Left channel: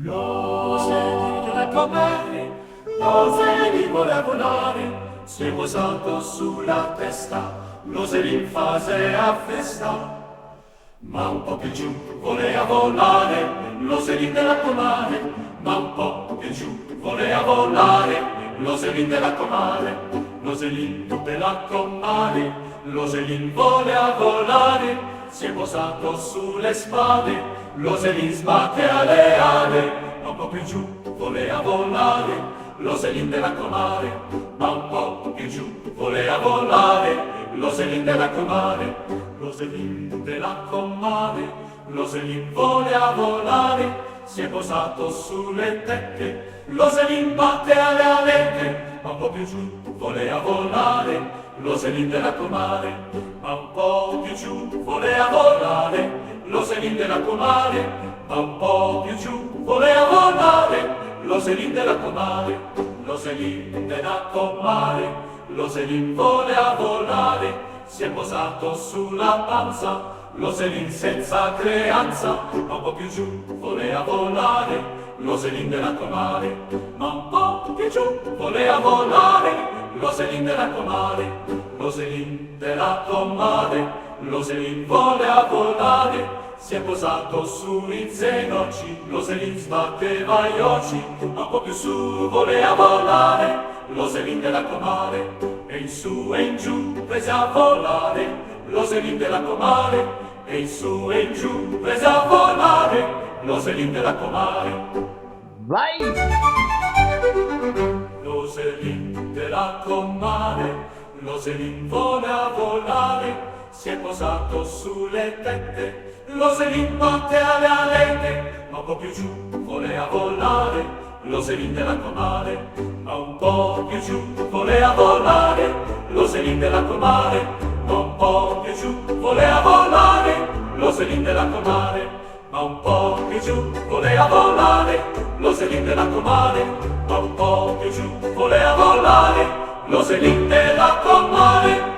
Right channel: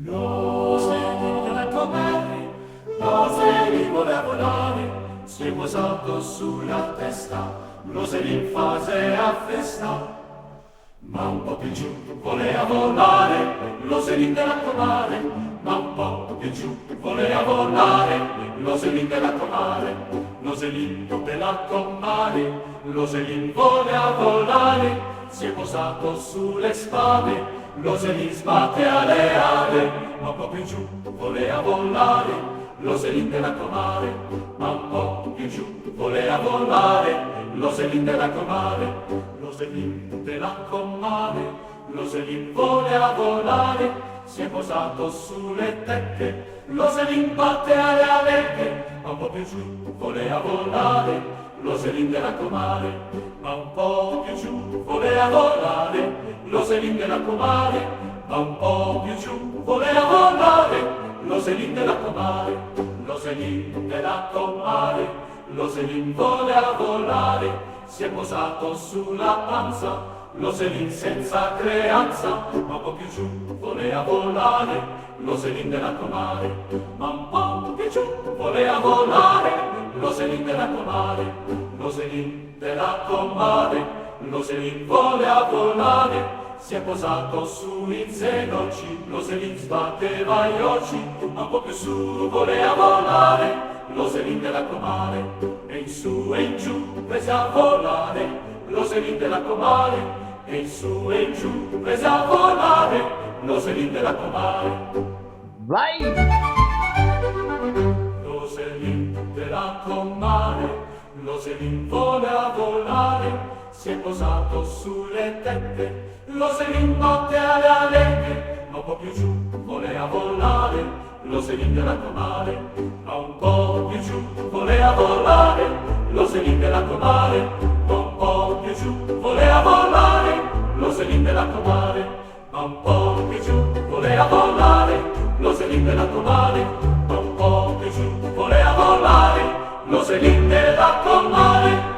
L'oselin comare, l'oselin voleva volare, si è posato sulla testa, l'oselin faceva festa. Ma un po' più giù voleva volare, l'oselin della comare, ma un po' più giù voleva volare, l'oselin della comare, l'oselin della comare, l'oselin voleva volare, si è posato sulle spade, l'oselin sbatte alle ale, ma un po' più giù voleva volare, l'oselin della comare, ma un po' più giù voleva volare, l'oselin della comare, l'oselin della comare, l'oselin voleva volare, si è posato sulle tecche, l'oselin batte alle alette, ma un po' più giù voleva volare, l'oselin della comare, ma un po' più giù voleva volare, l'oselin della comare, ma un po' più giù voleva volare, l'oselin della comare, l'oselin della comare, l'oselin voleva volare, si è posato sulla panza, l'oselin senza creanza, ma un po' più giù voleva volare, l'oselin della comare, ma un po' più giù voleva volare, l'oselin della comare, l'oselin della comare, l'oselin voleva volare, si è posato sui zenoci, l'oselin sbatteva gli occhi, ma un po' più su voleva volare, l'oselin della comare, e in su e in giù prese a volare, l'oselin della comare, e in su e in giù prese a volare, l'oselin della comare. Vai! L'oselin della comare, l'oselin voleva volare, si è posato sulle tette, l'oselin batte alle alette, ma un po' più giù voleva volare, l'oselin della comare, ma un po' più giù voleva volare, l'oselin della comare, ma un po' più giù voleva volare, l'oselin della comare, ma un po' più giù voleva volare, l'oselin della comare, ma un po' più giù voleva volare, l'oselin della comare.